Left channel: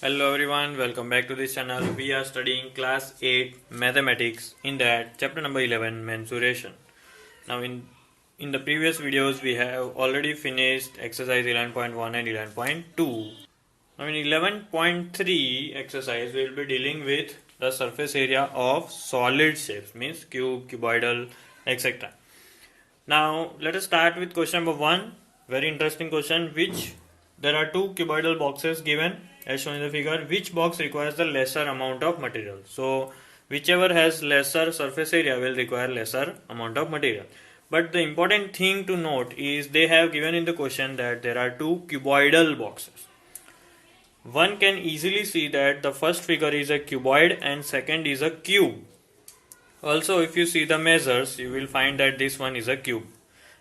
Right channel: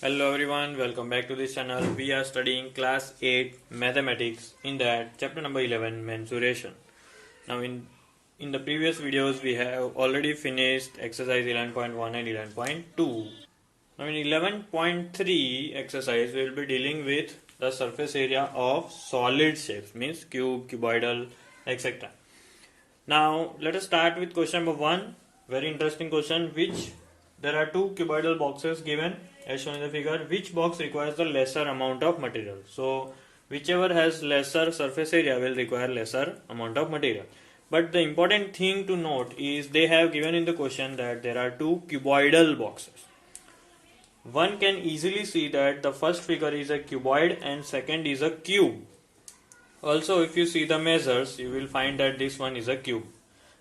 Hello everyone, welcome back to this channel. We are studying class 8 mathematics, in that chapter number 11 mensuration. Now in the previous videos we have already finished exercise 11.1 and 11.2. Now in 11.3 exercise we will be dealing with the surface area of solid shapes, means cube, cuboidal, etc. Now let us start with question number 1. Very interesting question. There are two cuboidal boxes given as shown in the figure. Which box requires the lesser amount of material? So whichever has lesser surface area will require lesser amount of material. But the important thing to note is they have given in the question that there are two cuboidal boxes. One can easily see that the first figure is a cuboid and second is a cube. Also, if you see the measures, you will find that this one is a cube,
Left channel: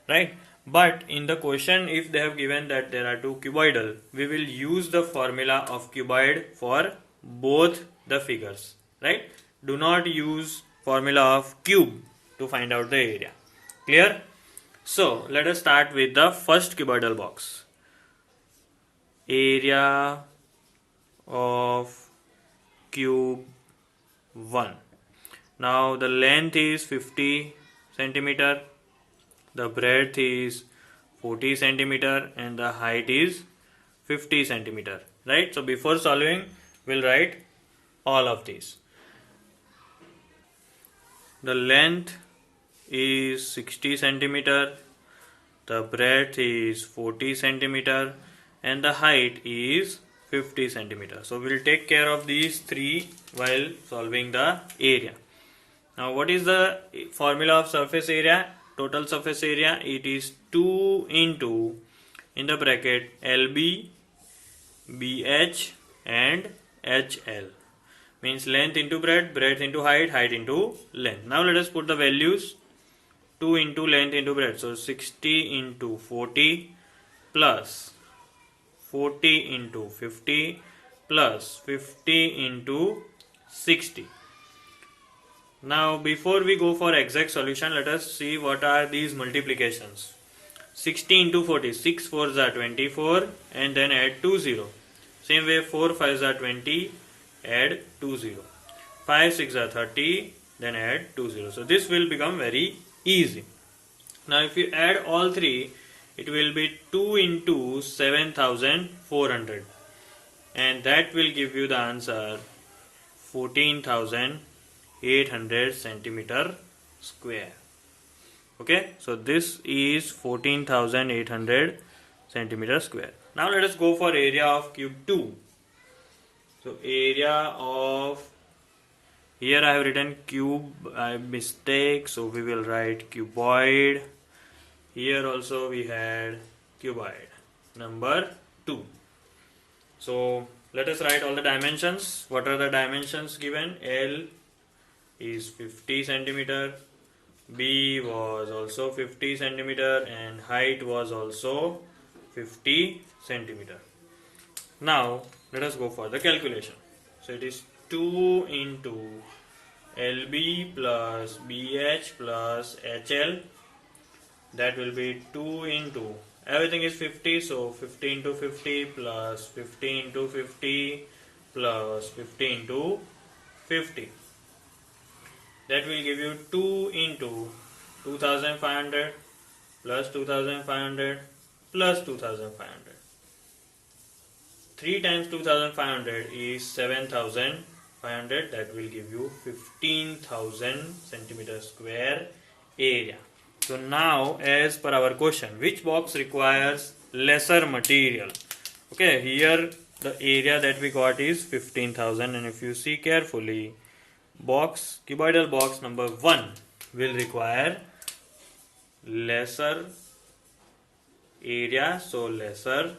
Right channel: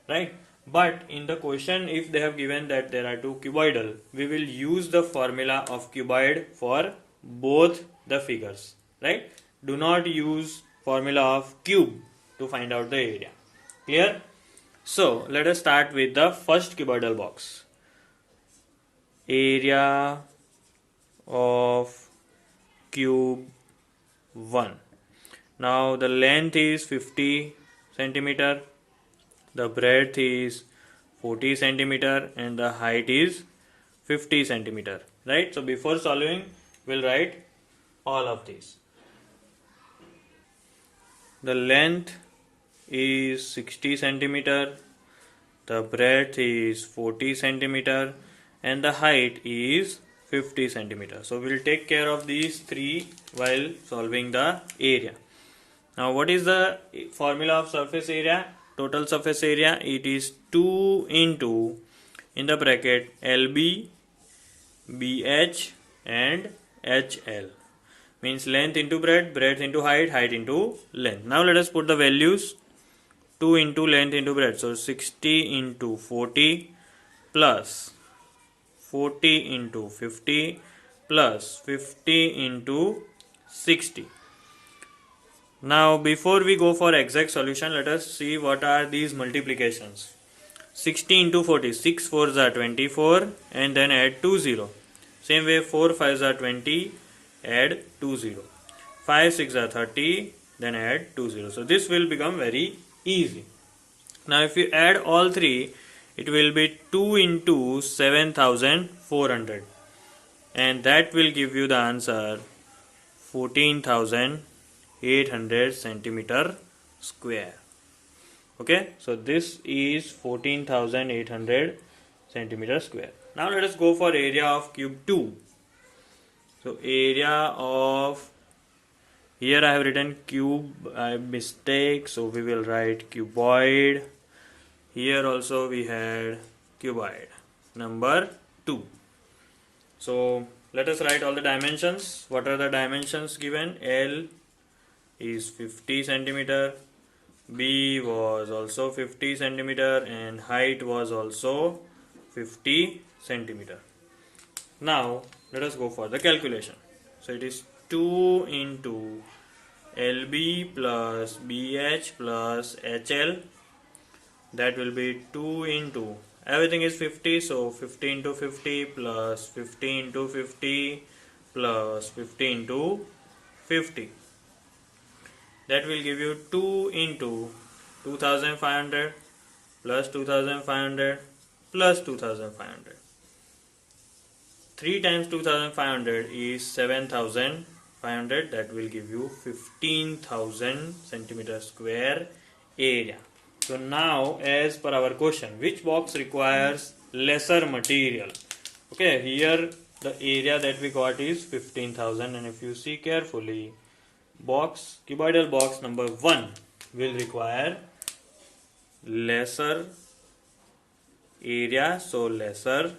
right? But in the question, if they have given that there are two cuboidal, we will use the formula of cuboid for both the figures, right? Do not use formula of cube to find out the area. Clear? So, let us start with the first cuboidal box. Area of cube 1. Now the length is 50 centimeter, the breadth is 40 centimeter and the height is 50 centimeter, right? So before solving we'll write all of these. The length is 60 centimeter, the breadth is 40 centimeter and the height is 50 centimeter. So we'll take care of these three while solving the area. Now what is the formula of surface area? Total surface area, it is 2 into, in the bracket, LB, BH and HL. Means length into breadth, breadth into height, height into length. Now let us put the values. 2 into length into breadth. So 60 into 40 plus 40 into 50 plus 50 into 60. Now before we go for exact solution, let us see what are these multiplications. 60 into 40, 6 4s are 24 and then add 2 0. Same way 4 5s are 20, add 2 0. 5 6 are 30, then add 2 0. So this will become very easy. Now if you add all three, it will be 2 into 7400 and that will give you the answer 14,800 centimeter square. Okay, so this is 14,800 centimeter square. Now let us go for area of cube 2. So area of, here I have written cube by mistake, so we will write cuboid. Here also we had cuboid number 2. So let us write all the dimensions. What are the dimensions given? L is 50 centimeter, B was also 50 centimeter and height was also 50 centimeter. Now let us go for the calculation. So it is 2 into LB plus BH plus HL, that will be 2 into, everything is 50, so 50 into 50 plus 50 into 50 plus 50 into 50. That will give you 2 into 2500 plus 2500 plus 2500. 3 times 2500 is 7500. That will give you 15,000 centimeter square area. So now as per our question, which box requires lesser material? Okay, here the area that we got is 15,000 and if you see carefully, cuboidal box number 1 will require lesser area, so lesser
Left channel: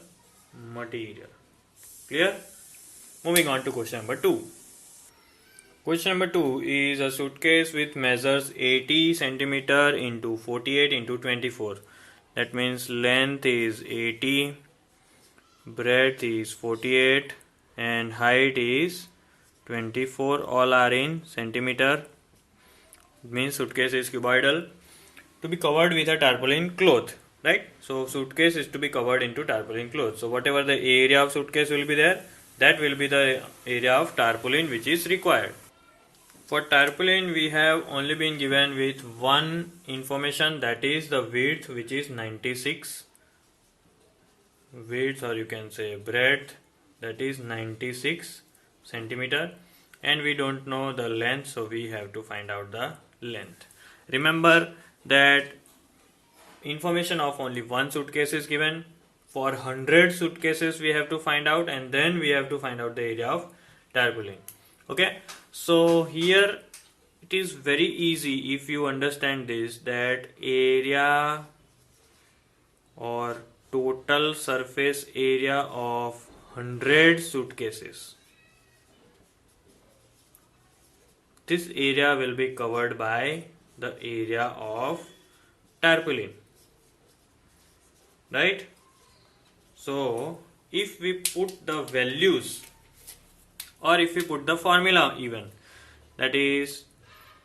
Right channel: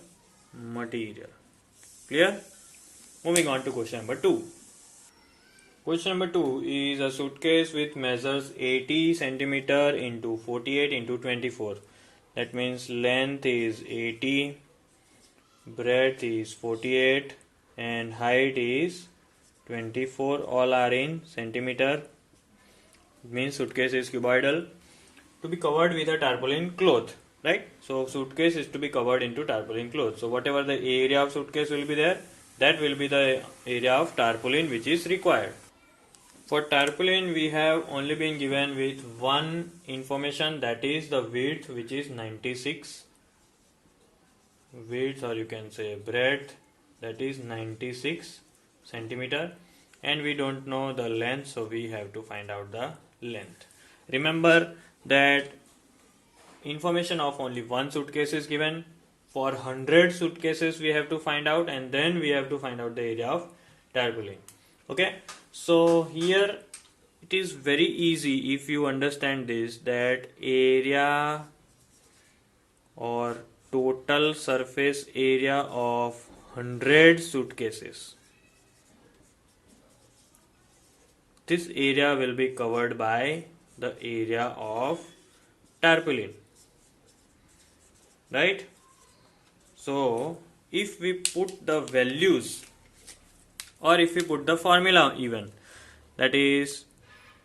material. Clear? Moving on to question number 2. Question number 2 is a suitcase with measures 80 centimeter into 48 into 24. That means length is 80, breadth is 48 and height is 24. All are in centimeter. Means suitcase is cuboidal, to be covered with a tarpaulin cloth, right? So suitcase is to be covered into tarpaulin cloth. So whatever the area of suitcase will be there, that will be the area of tarpaulin which is required. For tarpaulin, we have only been given with one information, that is the width, which is 96. Width, or you can say breadth, that is 96 centimeter, and we don't know the length, so we have to find out the length. Remember that information of only one suitcase is given. For 100 suitcases we have to find out, and then we have to find out the area of tarpaulin. Okay, so here it is very easy if you understand this, that area or total surface area of 100 suitcases, this area will be covered by the area of tarpaulin, right? So if we put the values, or if we put the formula even, that is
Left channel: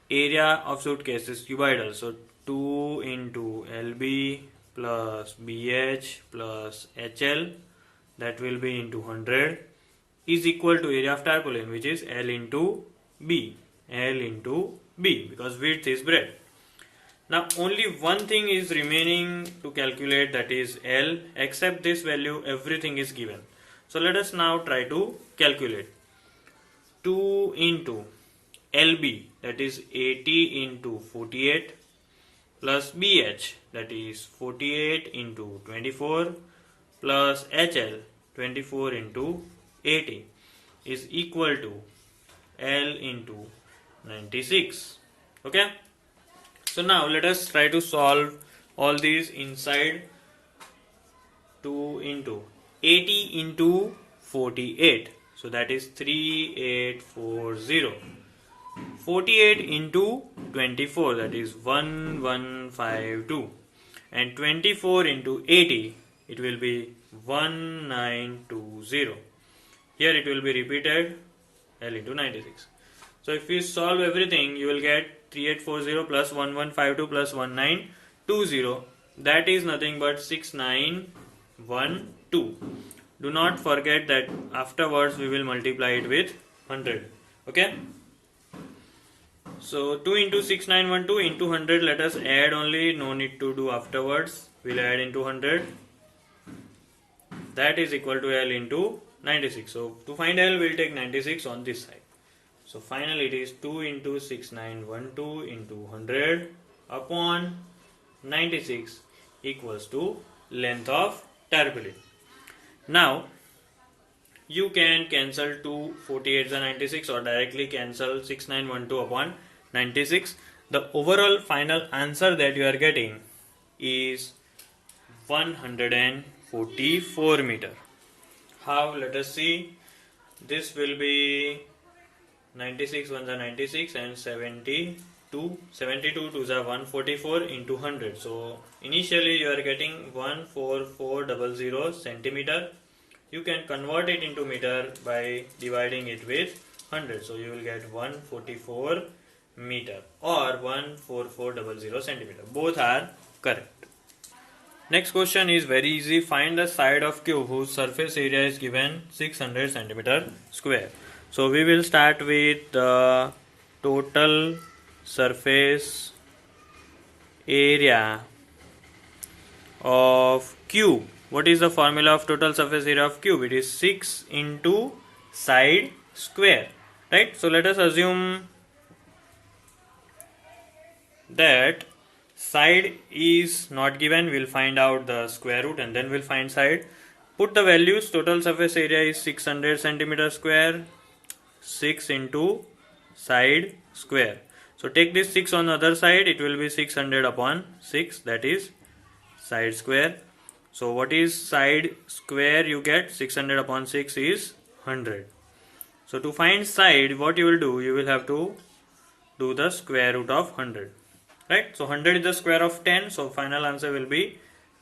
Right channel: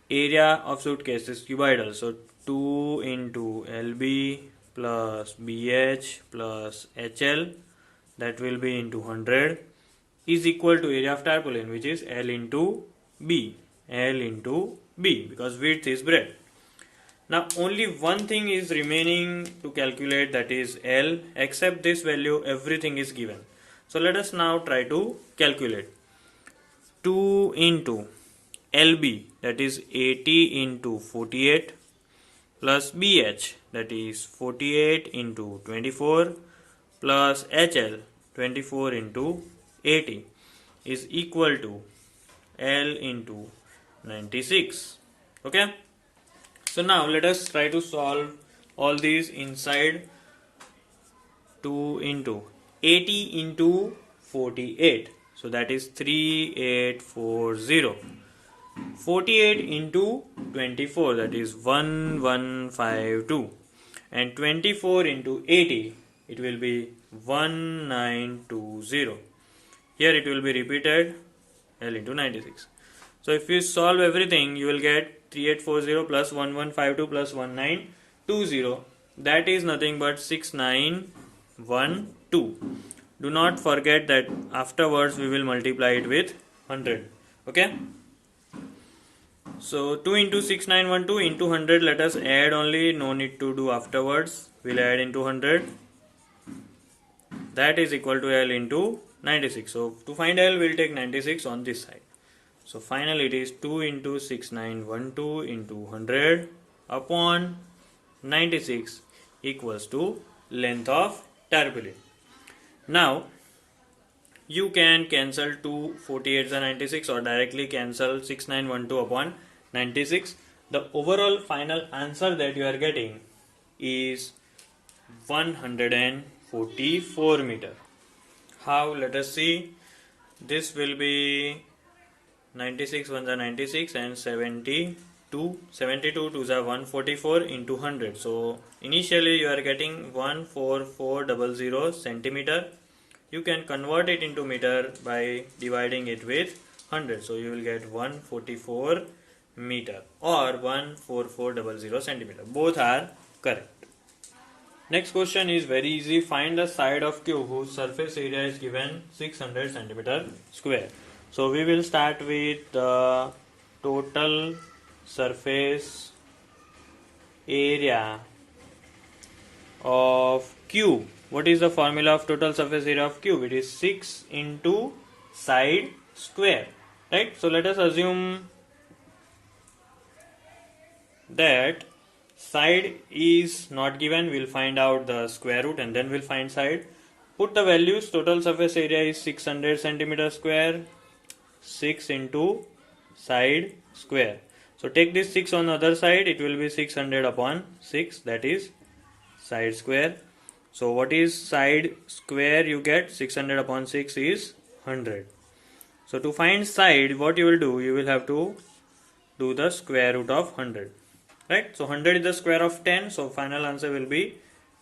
area of suitcases divided, so 2 into LB plus BH plus HL, that will be into 100, is equal to area of tarpaulin, which is L into B, because width is breadth. Now only one thing is remaining to calculate, that is L. Except this value, everything is given. So let us now try to calculate. 2 into LB, that is 80 into 48, plus BH, that is 48 into 24, plus HL, 24 into 80, is equal to L into 96. Okay. So now let us try to solve all these inside. 2 into 80 into 48, so that is 3840. 48 into 24, that is 1152, and 24 into 80, it will be 1920. Here it will be repeated, L into 96. So if you solve everything, you will get 3840 plus 1152 plus 1920, that is nothing but 6912. Do not forget that afterwards we will multiply it with 100. Okay. So 2 into 6912 into 100, let us add only, no need to do afterwards. We'll add into 100. That is equal to L into 96. So to find L, we'll take 96 on this side. So finally it is 2 into 6912 into 100 upon 96 equals to length of tarpaulin. Now you can cancel 2 48s and 96, or directly cancel 6912 upon 96. The overall final answer that you are getting is 144 meter. How? Let us see. This will be 96 ones are 96 and 72 twos are 144 into 100. So initially you are getting 14400 centimeter. You can convert it into meter by dividing it with 100. So you will get 144 meter or 14400 centimeter. Both are correct. Next question is very easy. Find the side of cube whose surface area is given 600 centimeter square. So we will start with the total surface area of cube. What is the formula of total surface area of cube? It is 6 into side square, right? So let us assume that side is not given. We'll find out the square root and then we'll find side. Put the values. Total surface area is 600 centimeter square. 6 into side square. So take this 6 on the other side, it will be 600 upon 6, that is side square. So what is side square? You get 600 upon 6 is 100. So to find side, what you will do? You will have to do the square root of 100. Right? So 100 is the square of 10. So final answer will be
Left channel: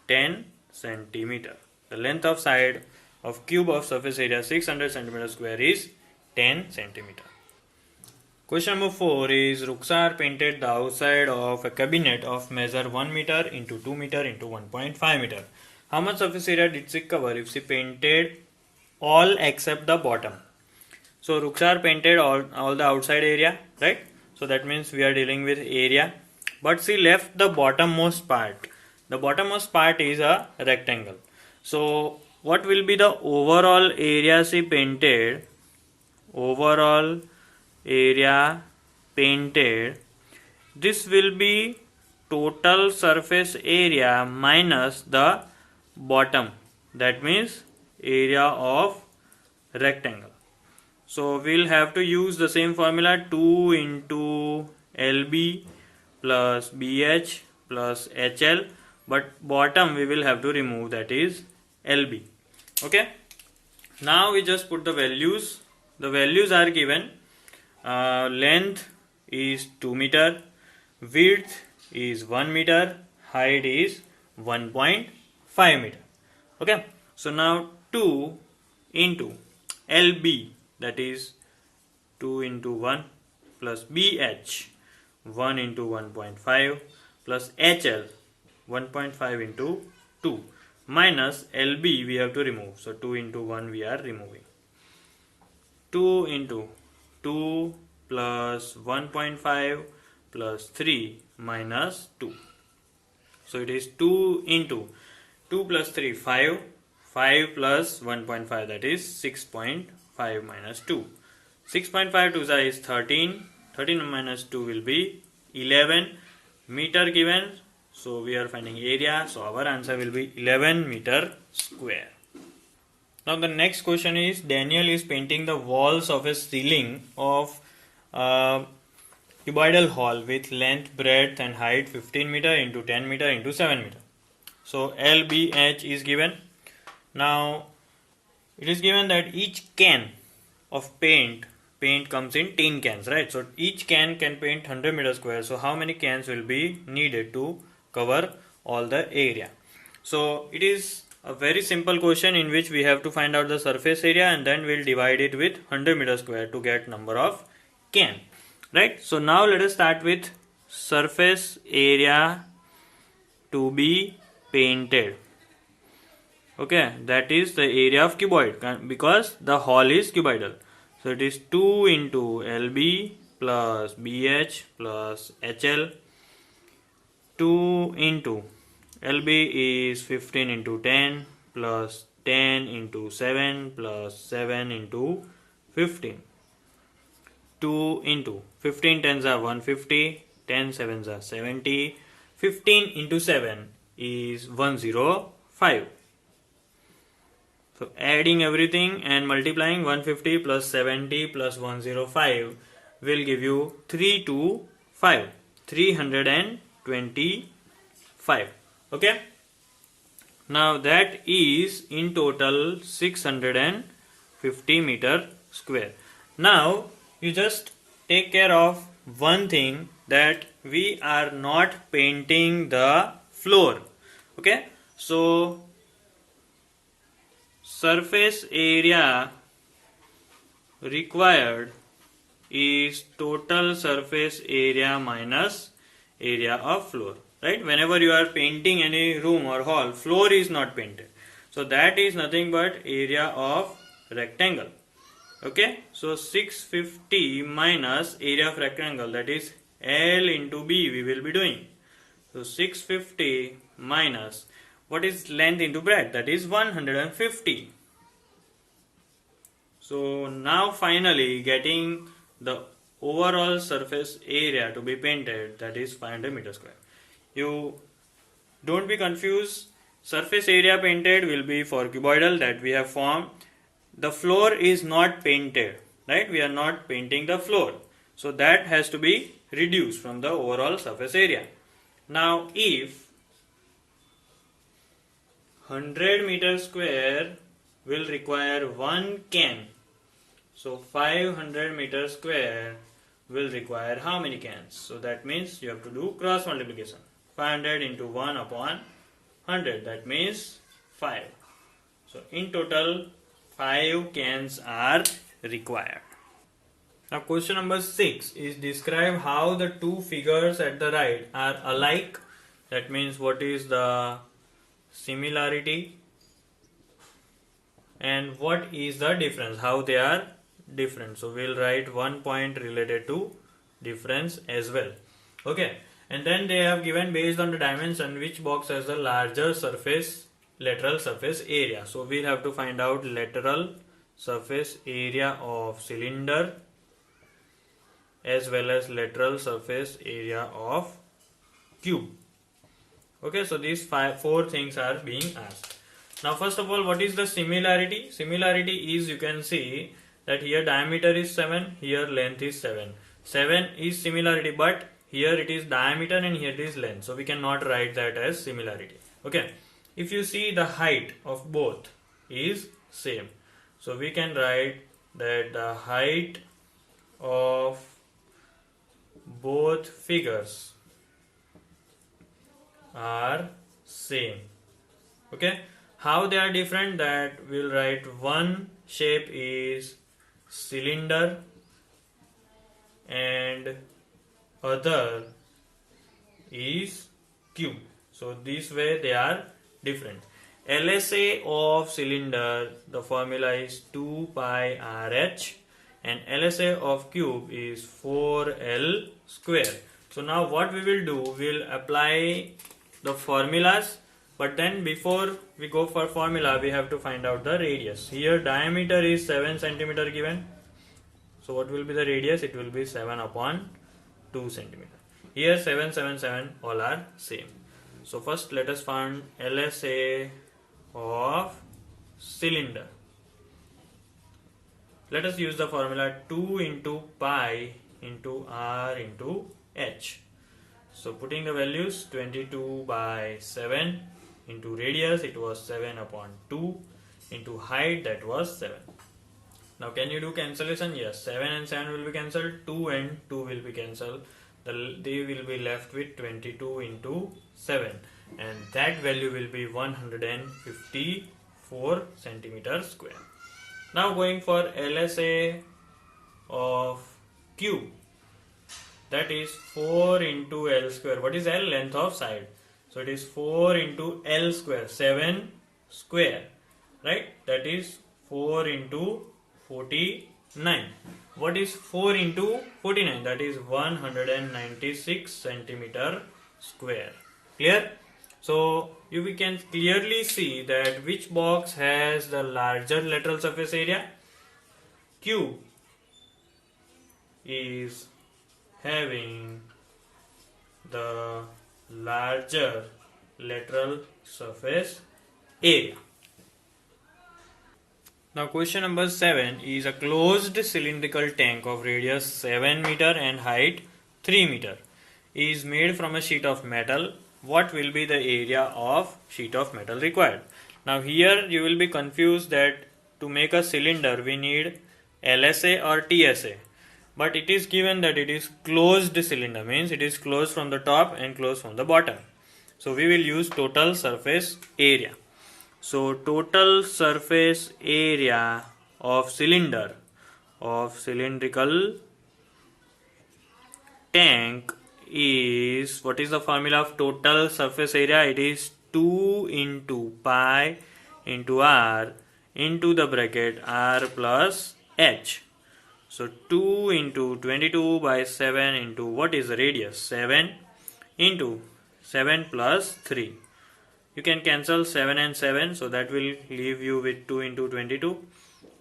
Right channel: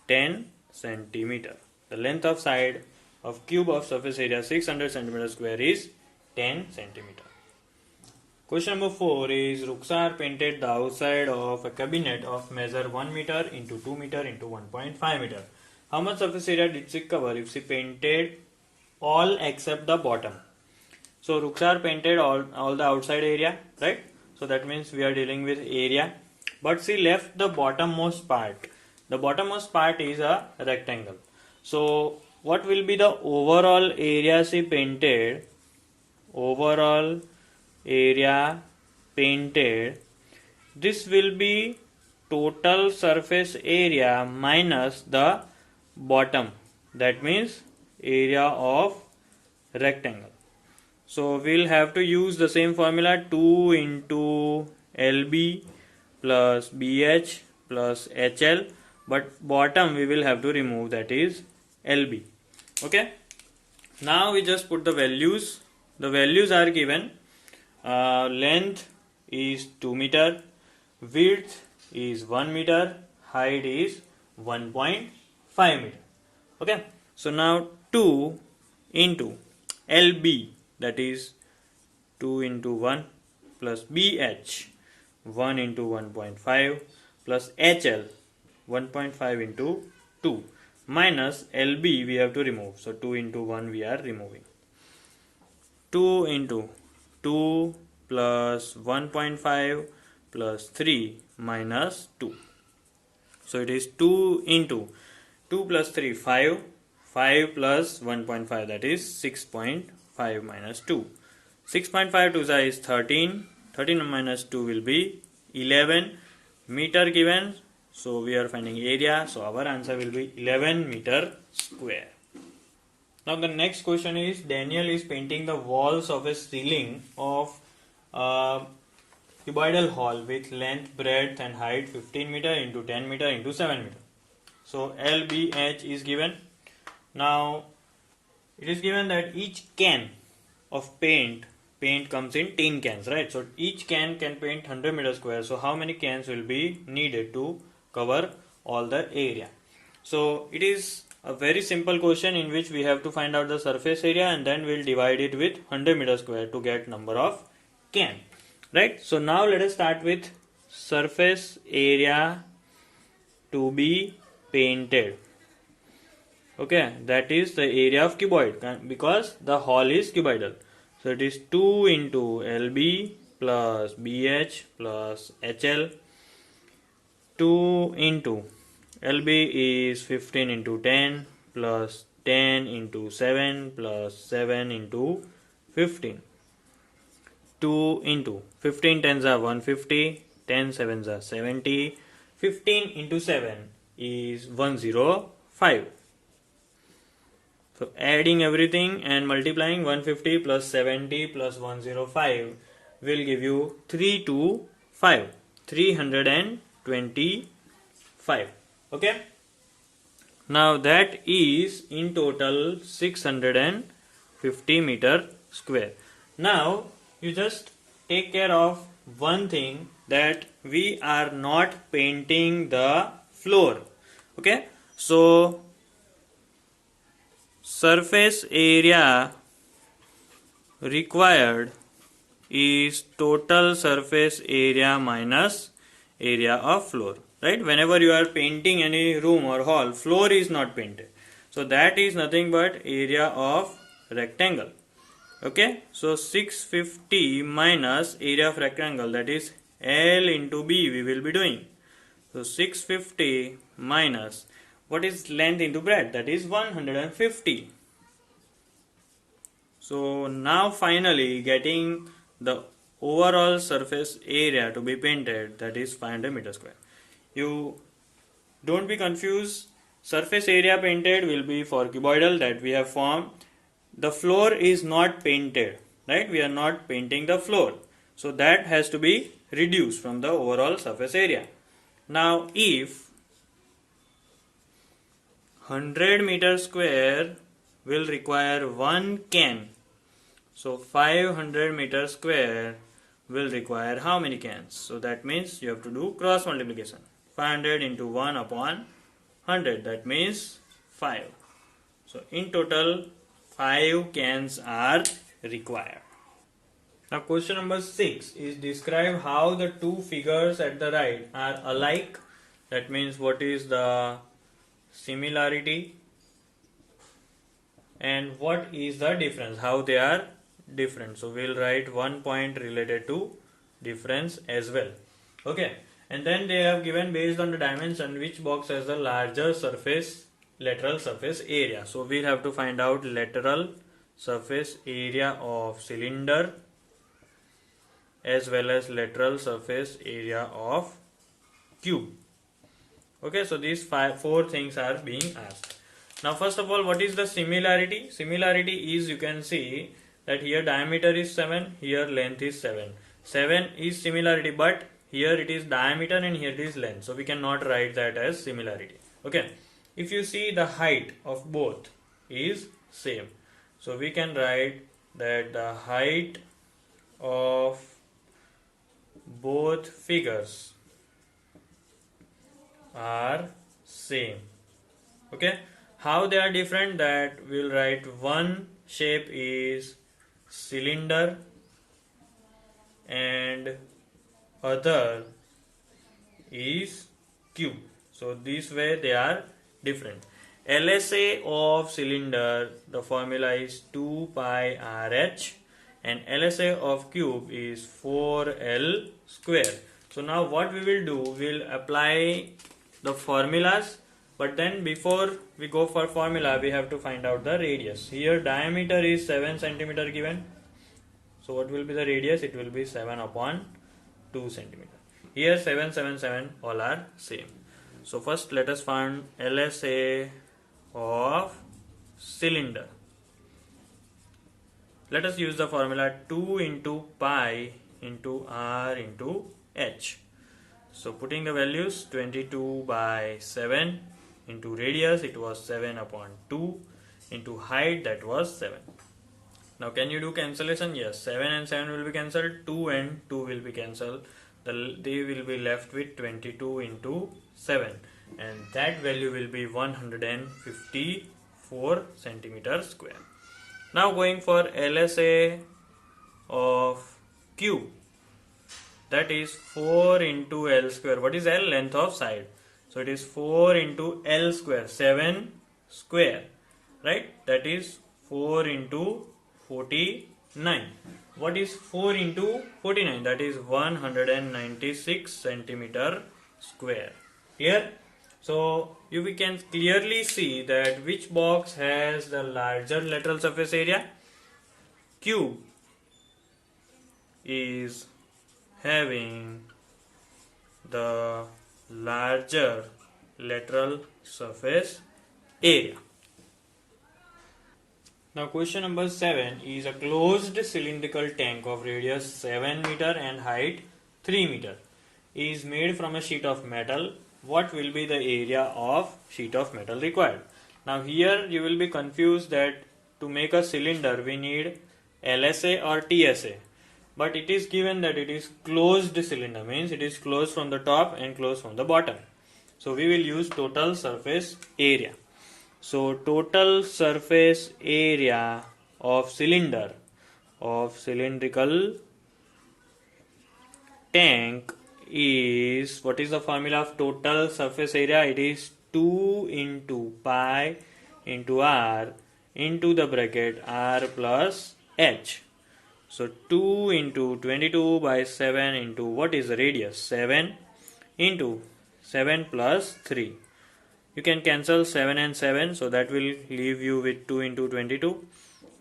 10 centimeter. The length of side of cube of surface area 600 centimeter square is 10 centimeter. Question number 4 is Ruxar painted the outside of a cabinet of measure 1 meter into 2 meter into 1.5 meter. How much surface area did she cover if she painted all except the bottom. So Ruksar painted all the outside area, right? So that means we are dealing with area, but she left the bottommost part. The bottommost part is a rectangle. So what will be the overall area she painted? Overall area painted, this will be total surface area minus the bottom, that means area of rectangle. So we'll have to use the same formula, 2 into LB plus BH plus HL, but bottom we will have to remove, that is LB. Okay, now we just put the values. The values are given. Length is 2 meter, width is 1 meter, height is 1.5 meter. Okay, so now 2 into LB, that is 2 into 1 plus BH, 1 into 1.5 plus HL, 1.5 into 2 minus LB we have to remove. So 2 into 1 we are removing. 2 into 2 plus 1.5 plus 3 minus 2. So it is 2 into 2 plus 3, 5. 5 plus 1.5, that is 6.5 minus 2. 6.5 to is 13. 13 minus 2 will be 11 meter given. So we are finding area. So our answer will be 11 meter square. Now the next question is, Daniel is painting the walls of a ceiling of a cuboidal hall with length, breadth and height 15 meter into 10 meter into 7 meter. So LBH is given. Now it is given that each can of paint comes in 10 cans, right? So each can paint 100 meter square. So how many cans will be needed to cover all the area? So it is a very simple question in which we have to find out the surface area and then we'll divide it with 100 meter square to get number of can, right? So now let us start with surface area to be painted. Okay, that is the area of cuboid because the hall is cuboidal. So it is 2 into LB plus BH plus HL. 2 into LB is 15 into 10 plus 10 into 7 plus 7 into 15. 2 into 15 tens are 150, 10 sevens are 70, 15 into 7 is 105. So adding everything and multiplying 150 plus 70 plus 105 will give you 325, 325. Okay. Now that is in total 650 meter square. Now you just take care of one thing, that we are not painting the floor. Okay. So surface area required is total surface area minus area of floor, right? Whenever you are painting any room or hall, floor is not painted, so that is nothing but area of rectangle. Okay, so 650 minus area of rectangle, that is L into B we will be doing. So 650 minus what is length into breadth, that is 150. So now finally getting the overall surface area to be painted, that is 500 meter square. You don't be confused. Surface area painted will be for cuboidal that we have formed. The floor is not painted, right? We are not painting the floor. So that has to be reduced from the overall surface area. Now if 100 meter square will require 1 can, so 500 meter square will require how many cans? So that means you have to do cross multiplication. 500 into 1 upon 100, that means 5. So in total 5 cans are required. Now question number 6 is, describe how the two figures at the right are alike. That means what is the similarity and what is the difference, how they are different. So we'll write 1 point related to difference as well. Okay, and then they have given based on the dimension which box has the larger lateral surface area. So we'll have to find out lateral surface area of cylinder as well as lateral surface area of cube. Okay, so these four things are being asked. Now first of all, what is the similarity? Similarity is, you can see that here diameter is 7, here length is 7. 7 is similarity, but here it is diameter and here it is length. So we cannot write that as similarity. Okay, if you see the height of both is same. So we can write that the height of both figures are same. Okay, how they are different, that we'll write one shape is cylinder and other is cube. So this way they are different. LSA of cylinder, the formula is 2 pi RH and LSA of cube is 4L square. So now what we will do, we'll apply the formulas, but then before we go for formula we have to find out the radius. Here diameter is 7 centimeter given. So what will be the radius? It will be 7 upon 2 centimeter. Here 7, 7, 7 all are same. So first let us find LSA of cylinder. Let us use the formula 2 into pi into r into h. So putting the values, 22 by 7 into radius, it was 7 upon 2 into height, that was 7. Now can you do cancellation? Yes, 7 and 7 will be cancelled, 2 and 2 will be cancelled. They will be left with 22 into 7 and that value will be 154 centimeter square. Now going for LSA of cube, that is 4 into L square. What is L? Length of side. So it is 4 into L square, 7 square, right? That is 4 into 49. What is 4 into 49? That is 196 centimeter square. Clear? So we can clearly see that which box has the larger lateral surface area. Cube is having the larger lateral surface area. Now question number 7 is a closed cylindrical tank of radius 7 meter and height 3 meter is made from a sheet of metal. What will be the area of sheet of metal required? Now here you will be confused that to make a cylinder we need LSA or TSA. But it is given that it is closed cylinder, means it is closed from the top and closed from the bottom. So we will use total surface area. So total surface area of cylinder, of cylindrical tank is, what is the formula of total surface area? It is 2 into pi into r into the bracket r plus h. So 2 into 22 by 7 into what is the radius? 7 into 7 plus 3. You can cancel 7 and 7, so that will leave you with 2 into 22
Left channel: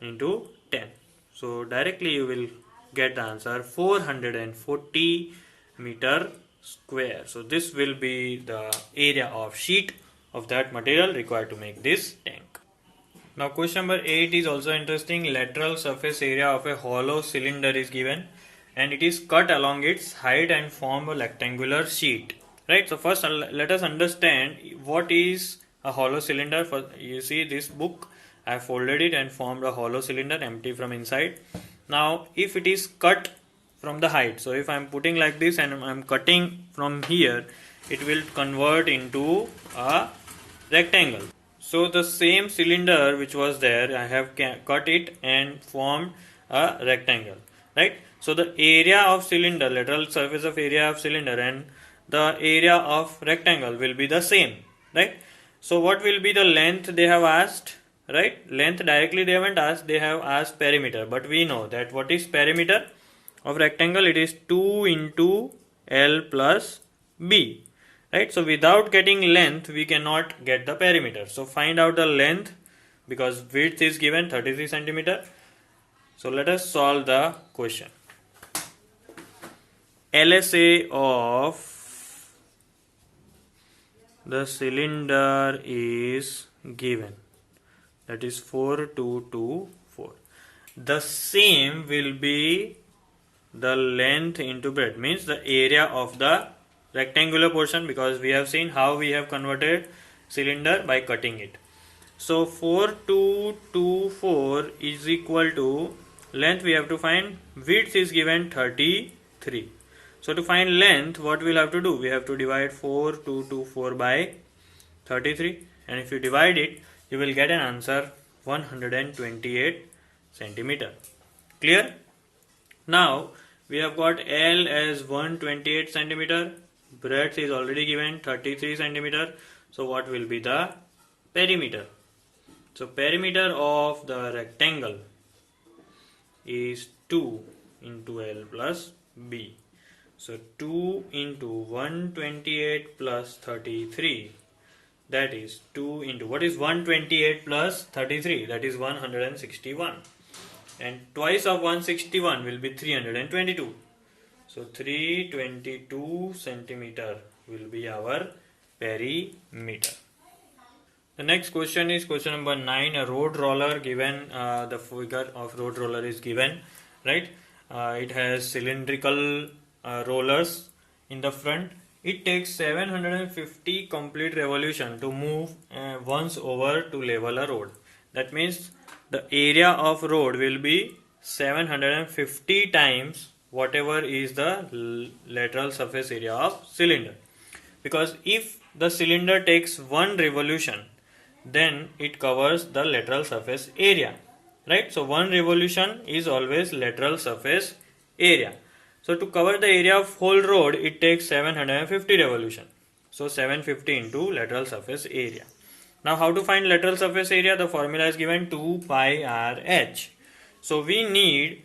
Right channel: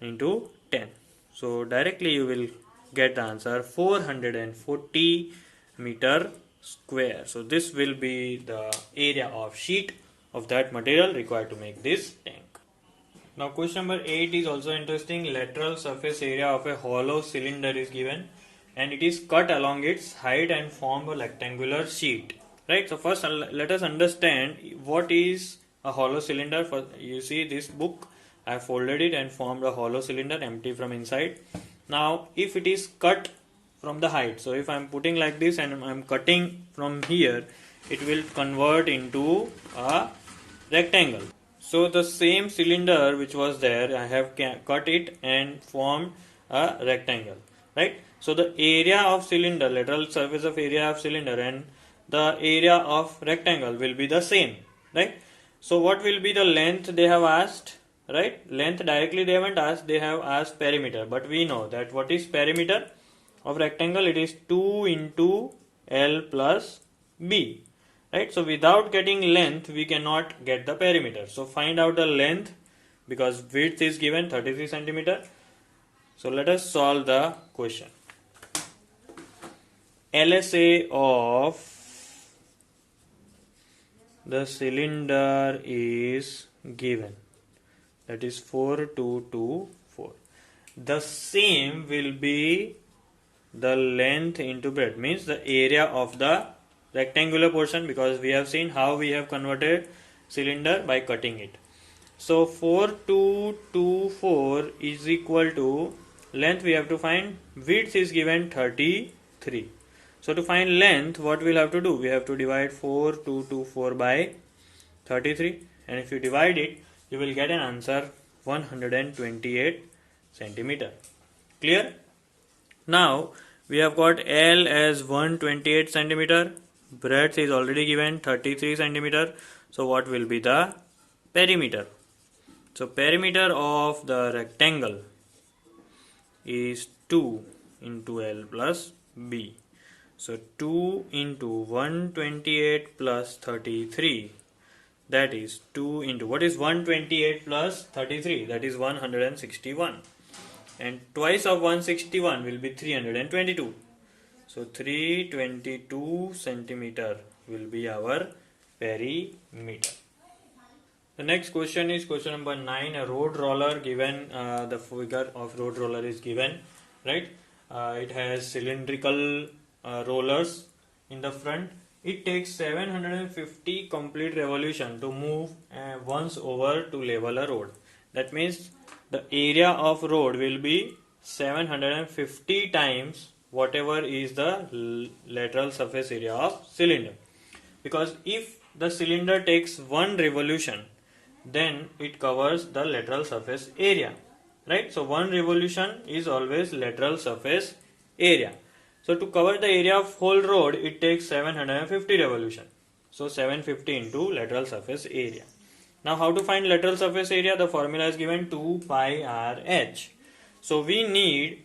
into 10. So directly you will get the answer 440 meter square. So this will be the area of sheet of that material required to make this tank. Now question number 8 is also interesting. Lateral surface area of a hollow cylinder is given and it is cut along its height and form a rectangular sheet. Right. So first let us understand what is a hollow cylinder. You see this book, I have folded it and formed a hollow cylinder empty from inside. Now if it is cut from the height, so if I am putting like this and I am cutting from here, it will convert into a rectangle. So the same cylinder which was there, I have cut it and formed a rectangle, right? So the area of cylinder, lateral surface of area of cylinder and the area of rectangle will be the same, right? So what will be the length they have asked, right? Length directly they haven't asked, they have asked perimeter. But we know that what is perimeter of rectangle? It is 2 into L plus B, right? So without getting length, we cannot get the perimeter. So find out the length, because width is given 33 centimeter. So let us solve the question. LSA of the cylinder is given, that is 4224. The same will be the length into breadth, means the area of the rectangular portion, because we have seen how we have converted cylinder by cutting it. So 4224 is equal to length we have to find, width is given 33. So to find length, what we'll have to do? We have to divide 4224 by 33, and if you divide it, you will get an answer 128 centimeter. Clear? Now we have got L as 128 centimeter, breadth is already given 33 centimeter. So what will be the perimeter? So perimeter of the rectangle is 2 into L plus B. So 2 into 128 plus 33, that is 2 into, what is 128 plus 33? That is 161. And twice of 161 will be 322. So 322 centimeter will be our perimeter. The next question is question number 9. A road roller given, the figure of road roller is given, right? It has cylindrical rollers in the front. It takes 750 complete revolution to move once over to level a road. That means the area of road will be 750 times whatever is the lateral surface area of cylinder. Because if the cylinder takes one revolution, then it covers the lateral surface area, right? So one revolution is always lateral surface area. So to cover the area of whole road, it takes 750 revolution. So 750 into lateral surface area. Now how to find lateral surface area? The formula is given 2 pi RH. So we need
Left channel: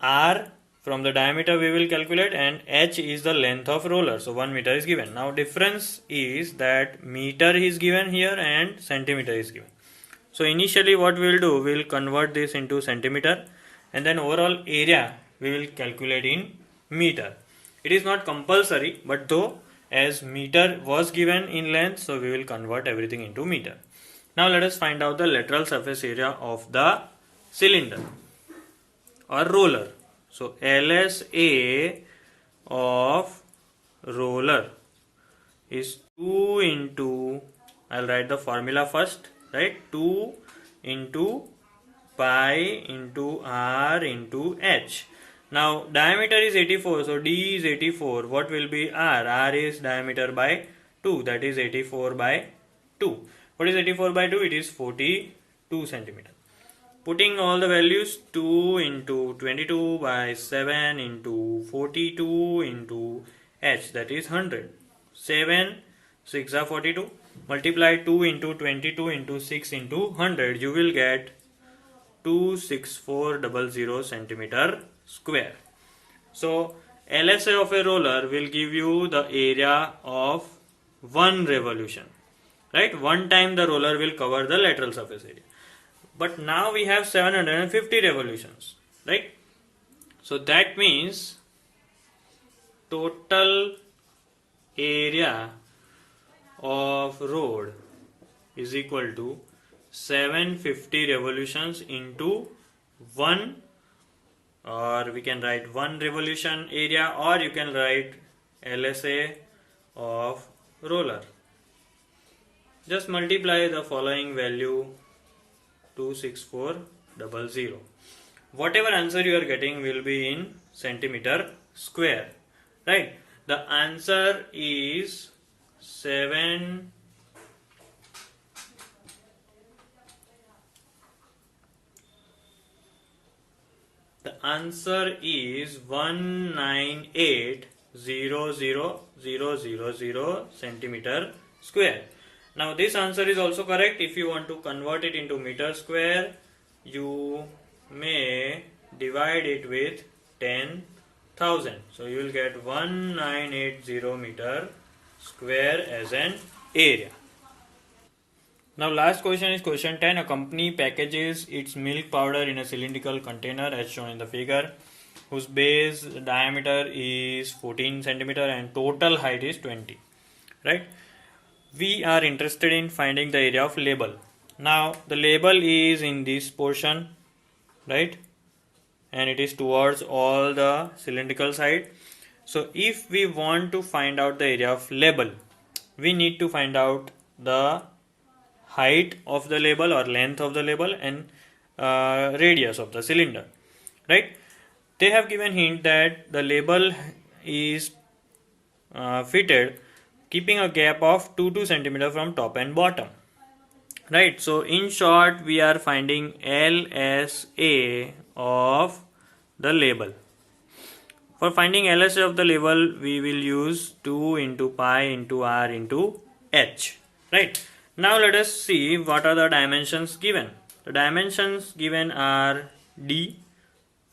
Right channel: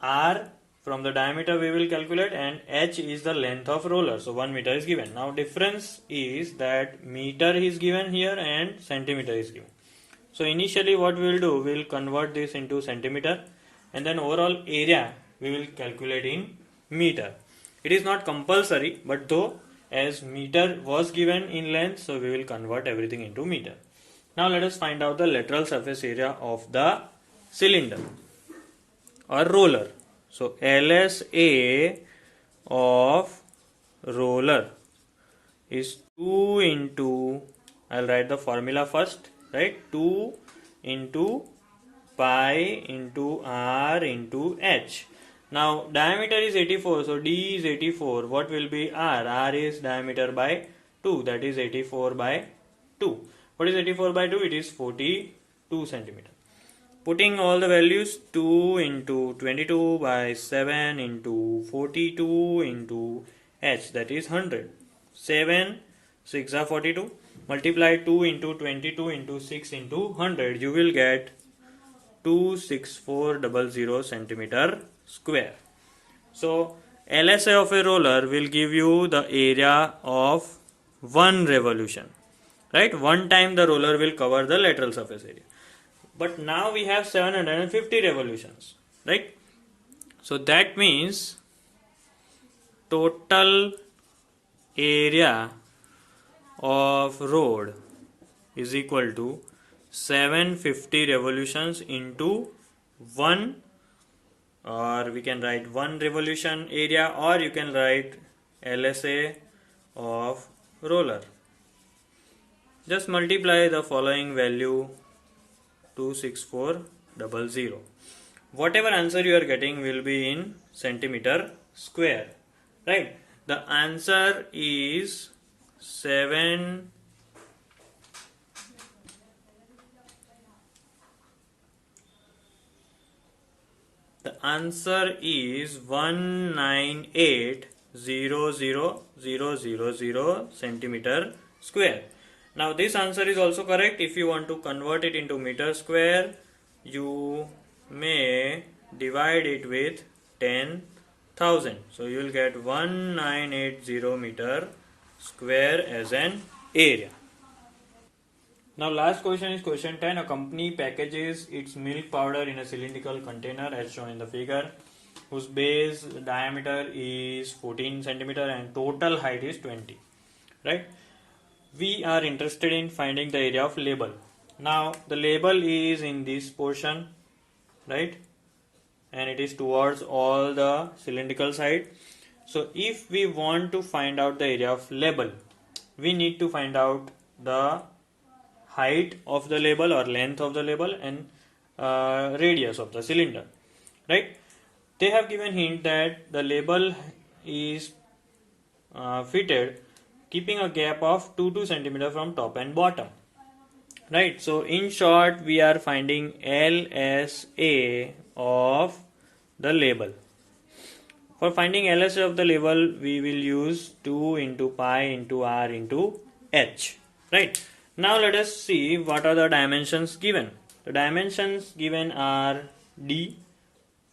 R from the diameter we will calculate, and H is the length of roller. So 1 meter is given. Now difference is that meter is given here and centimeter is given. So initially what we will do, we will convert this into centimeter, and then overall area we will calculate in meter. It is not compulsory, but though as meter was given in length, so we will convert everything into meter. Now let us find out the lateral surface area of the cylinder or roller. So LSA of roller is 2 into, I'll write the formula first, right? 2 into pi into R into H. Now diameter is 84, so D is 84. What will be R? R is diameter by 2, that is 84 by 2. What is 84 by 2? It is 42 centimeter. Putting all the values, 2 into 22 by 7 into 42 into H, that is 100. 7 6 are 42. Multiply 2 into 22 into 6 into 100. You will get 26400 centimeter square. So LSA of a roller will give you the area of one revolution, right? One time the roller will cover the lateral surface area. But now we have 750 revolutions, right? So that means total area of road is equal to 750 revolutions into 1, or we can write 1 revolution area, or you can write LSA of roller. Just multiply the following value, 26400. Whatever answer you are getting will be in centimeter square, right? The answer is 7 the answer is 198,00000 centimeter square. Now this answer is also correct. If you want to convert it into meter square, you may divide it with 10,000. So you will get 1980 meter square as an area. Now last question is question 10. A company packages its milk powder in a cylindrical container as shown in the figure, whose base diameter is 14 centimeter and total height is 20. Right? We are interested in finding the area of label. Now the label is in this portion, right? And it is towards all the cylindrical side. So if we want to find out the area of label, we need to find out the height of the label or length of the label and radius of the cylinder, right? They have given hint that the label is fitted keeping a gap of 2 centimeter from top and bottom, right? So in short, we are finding LSA of the label. For finding LSA of the label, we will use 2 into pi into r into h, right? Now let us see what are the dimensions given. The dimensions given are d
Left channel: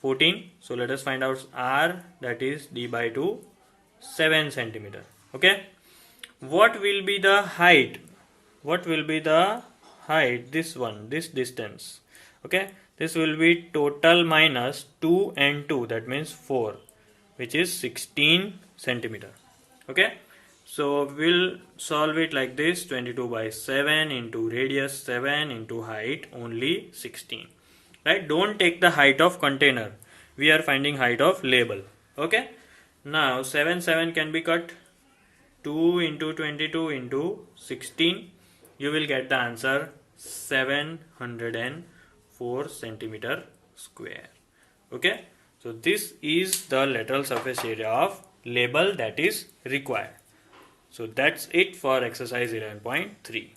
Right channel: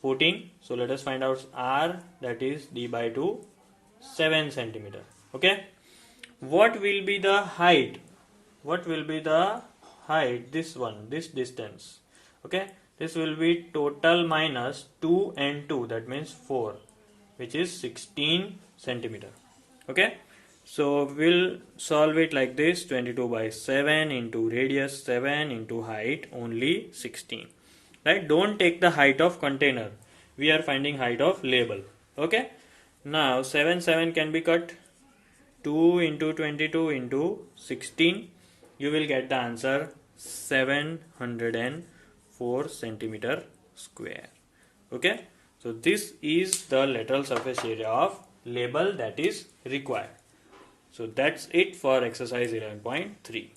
14. So let us find out r, that is d by 2, 7 centimeter. Okay. What will be the height? What will be the height? This one, this distance. Okay. This will be total minus 2 and 2, that means 4, which is 16 centimeter. Okay. So we'll solve it like this: 22 by 7 into radius 7 into height only 16. Right? Don't take the height of container. We are finding height of label. Okay. Now 7 can be cut. 2 into 22 into 16. You will get the answer 704 centimeter square. Okay. So this is the lateral surface area of label that is required. So that's it for exercise 11.3.